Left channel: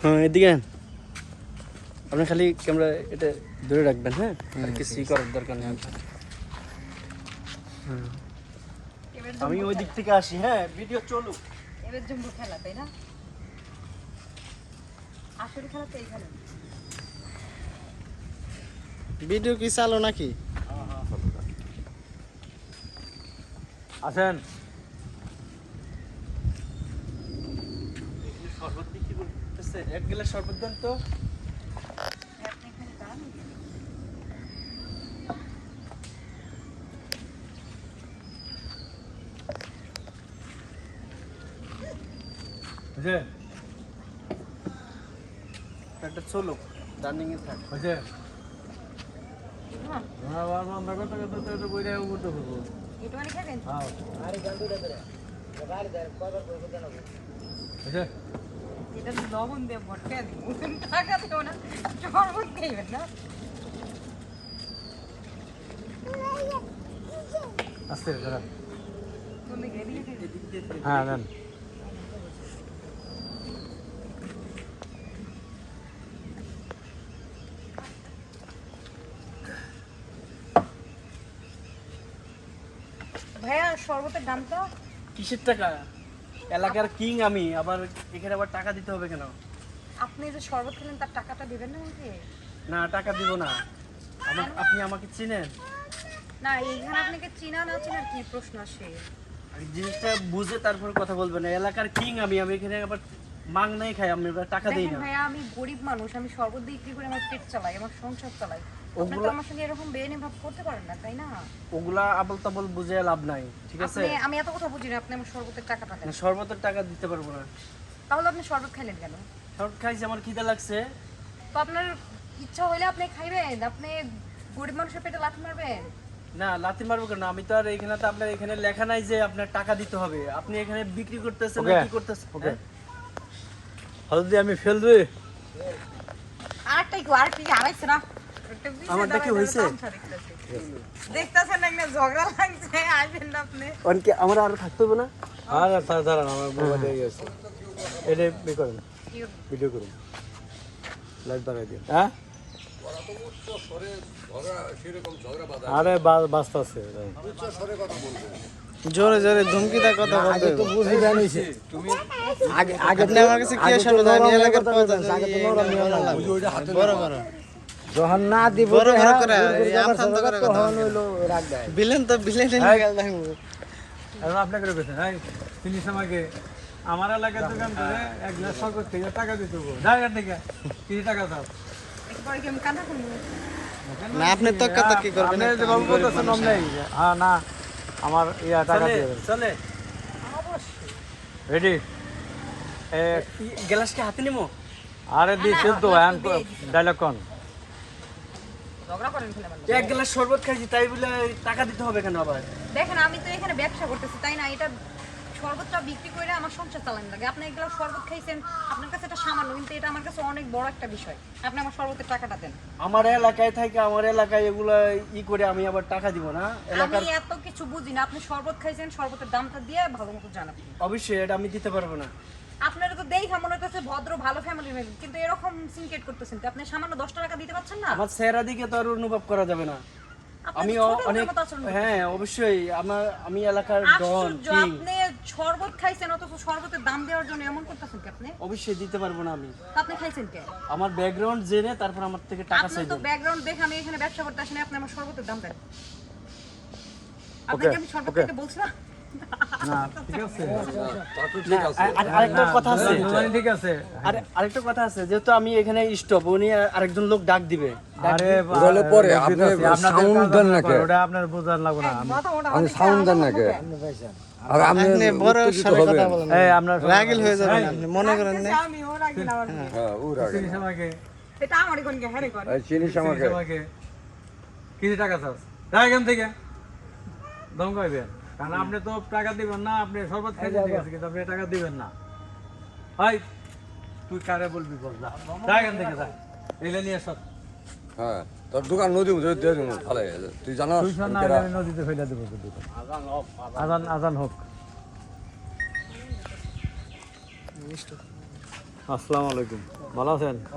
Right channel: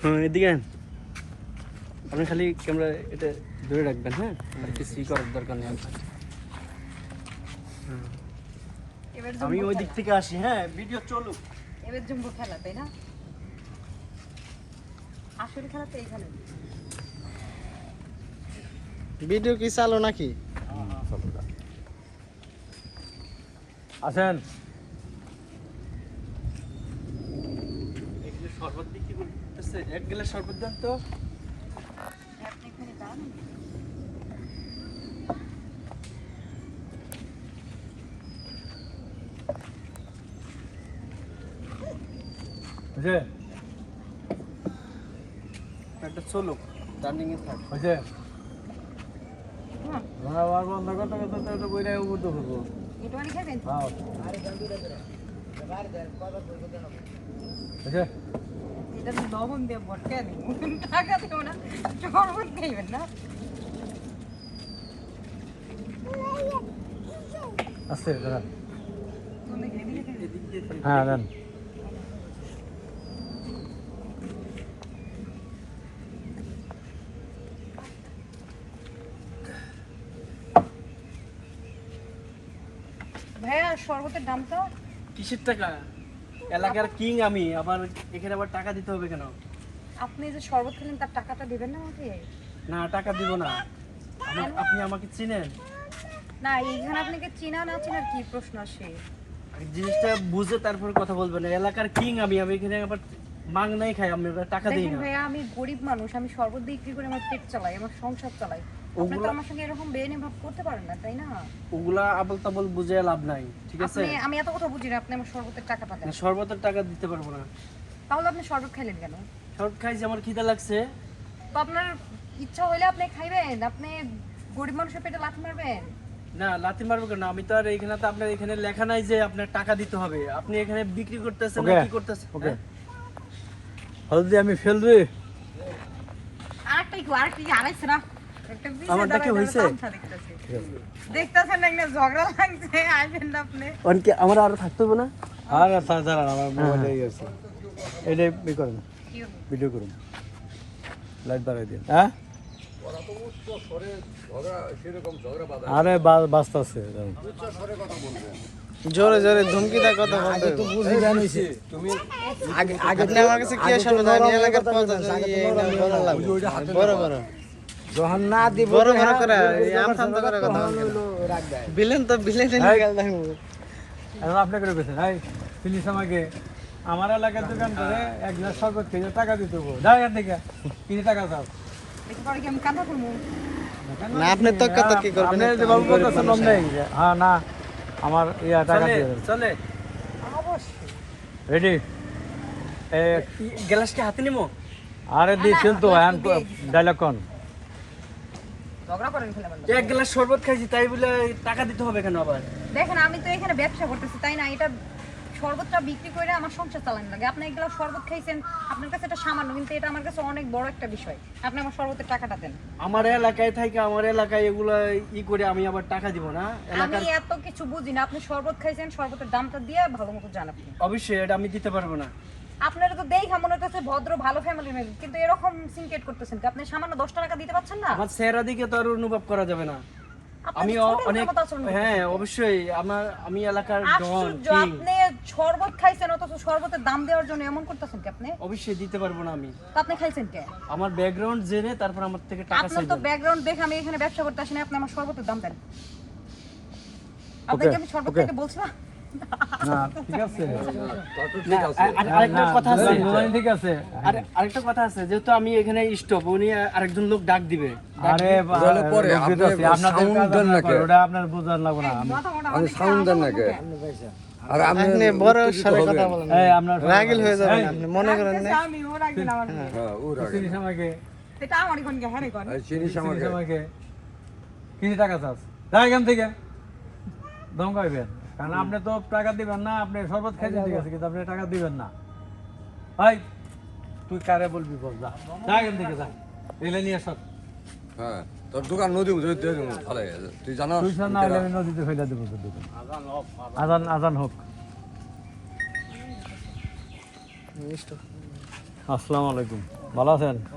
হ্যাঁ এদিকে আপনি খালি ক্যামেরা এটা ধরে রাখবেন হ্যাঁ? আর কিছুই করার দরকার নেই আপনার। হুম। এবার আমি ওই দিক থেকে আসি হ্যাঁ ভিডিও চলুক। এবার জম্বু খেলা তাই না? আসলে খেলা তো এইখানে। ভিডিও কি চালো নাকি? আছেন শরবত বিক্রি করতেছে এক গ্লাস শরবত দেন তো একটা চলুক রানিং এ থাক হয়েছে আবার বন্ধ করতে করতে এটা বইটা উপর করব একটু মানে খাবেন হ্যাঁ এটা লবণ দিয়ে ভটকা দিব। টাকা দেবো না শরবত খাইবেন না। আস্তে হ্যাঁ। হ্যাঁ দেন। ভাইয়া শরবতের দামটা? কিসের টাকা? এলাকার কিং আমি আবার এখানে আবার টাকা দিতে হবে কেন? আপনি যে শরবত খেলেন তার টাকাটা দিবেন না আমাকে? না টাকা দিব না। আপনি আমাকে চিনেন? না এইখানে আপনাকে চিনা না চিনার কি প্রশ্ন আসে? জিনিসটা বুঝে তারপর কথা বলবেন এলাকার কিং আমি আমি এখানে আবার মাং নাই খাই আমি টাকা দিই না। ভাইয়া আমি গরিব মানুষ আমি শরবত দিয়ে বিক্রি করে আমার পেট চালাই আমার সংসার চালাই। ওগুলা- আমার সঙ্গে এরকম বেআইনি ভাব করতে পারেন না তাই না? ওগুলা আবল তাবল বুঝে লাভ নাই ঠিক আছে? আপনি আমি এত কথা বুঝি না আপনি আমার শরবতের টাকাটা দেন। শরবতের টাকা দিতে পারব না। তাহলে আপনি শরবত খাইলেন কেন? শরবত খাইছি আমার খিদা লাগছে। তো আপনার ইচ্ছা হলে আপনি খাইবেন আপনি গরিব মানুষের পেটে লাথি মারবেন? না লাথি মারবো কেন? আমি তো আর এখানে তো আপনার এখানে লেখা নাই যে আপনার টাকা দিতে হবে। আপনি এখানে বিক্রি করতেছেন না কি করতেছেন হ্যাঁ? হলদি আমি ফেল রে আরেকটা একটু আরেকটা আড়াইছে না? আমার আরও থাকতে না? আর স্যার আমার মোবাইলে আছে এটা করুন ভিডিও করুন? লাইভ বাড়াই দিন। হ্যাঁ? আরে বাঁচতেছে জোরে জোরে ধমকিটা কথা বলতে আপনি আমার কাছে কি এলাকার পথ বড় বড় বড়। যখন না দিব বড় বড় করে আম শান্ত করে কথা বলেন বিলেন তো। বিলেন নিকাল দেখব আর আপনি করে গেছেন হাই চিনিস আমাকে আমার এলাকার দোকান করে এক গ্লাস শরবত থেকে টাকা দিতে হব। জায়গার থেকে কিছু টাকা দাও। দেখি আমি কান্না করব? না আপনি করবেন? গরিব তো মানুষ বলবেন। হ্যাঁ। হ্যাঁ না আমার ইয়া চলে চলে। অবশ্যই। রেডি গ্লাসকে হাতে নিমো আরে দিয়েছেন তো ডায়লগ কোন ঝগড়া করেন ফেলে বললাম। এক গ্লাস শরবত খাইছি তাই বলে টাকা দিতে হবে কেন আবার? দেখেন আমি তো এখানে ব্যবসা করতেছি তাই না? এটা শরবতটা বিক্রি করে আমার সংসার চালানো লাগে। আপনি এগুলো শরবত খাইছেন আপনার কাছে এটা সামান্য কিন্তু এটা আমার কাছে অনেক বড় একটা বিষয়। আপনি আমার শরবতের টাকাটা দেন। আমার এলাকায় থাকে আমার এলাকায় এগুলো ই করে আমি আবার টাকা দিব না। আমি এত কিছু বুঝি না। আপনি শরবত খাইছেন শরবতের দামটা দিয়ে ভালো মতো জান আপনি। অবশ্যই এটা আমি দিতে পারব না। আপনারা তো দেখা মনে হচ্ছে ভদ্র ভালো ফ্যামিলি কিন্তু এরকম সিনকেট করতেছেন আপনি সামান্য দশ টাকা দিতে পারছেন না? আমার চেহারা দিকে তো আর অনুভব করা যাবে না। আমি অনেক। হ্যাঁ অবশ্যই। আমার আমি এলাকার ডন আপনি শরবত খাইছেন অথচ শরবতের দাম দেওয়ার জন্য এমন করতেছেন কি আপনি? অবশ্যই দিতে পারব না আমি। আপনি খাইছেন কে? আমার ব্যাকগ্রাউন্ড জেনে তারপর আমার থেকে টাকা আপনার তো ব্যাকগ্রাউন্ড দেখে আমি এখানে ব্যবসা করতে আসিনি আপনি আমার শরবতের দাম দেন আপনাকে আমি শরবত খাইতে বলছি না না ঠিক আছে। না, আর- আর- আরেকটা কথা আছে। না, ঠিক আছে। আর আরেকটা কথা আছে যেহেতু আমি এখানে স্টপ উনি আরেকজন লোক ডাক দিবে। আরে আপনাদের ওটা আপনার বোঝার লাগবে না। আমি সাউন্ড দেন নাকি? আপনি বড় স্বরে কথা বলেন। এই আপনার রাগিল হয়ে যাবেন আপনি মনে করেন না। আমি ও রাখবেন আমার চিনিস আমাকে এটা আমারই কোন কে হ্যাঁ কোন চিনিস আমাকে কিছু টাকা চাস? যা এখান থেকে। দম পাইবেন কারণ আপনি তো টাকা দিবেন না আপনি শরবত খাইতে ঠিক আছে কিন্তু আপনি টাকা দিবেন না। ভাই তুই কারে বলবি বল যা। যা এখান থেকে যা। এগুলো নিয়ে সব হ্যাঁ তোর দোকান নদী তুই জানো তুই না আমি নদীতে ফেলে দেবো তোর দোকান। আজান আজান হোক। আসসালামু আলাইকুম। ভালো আছেন?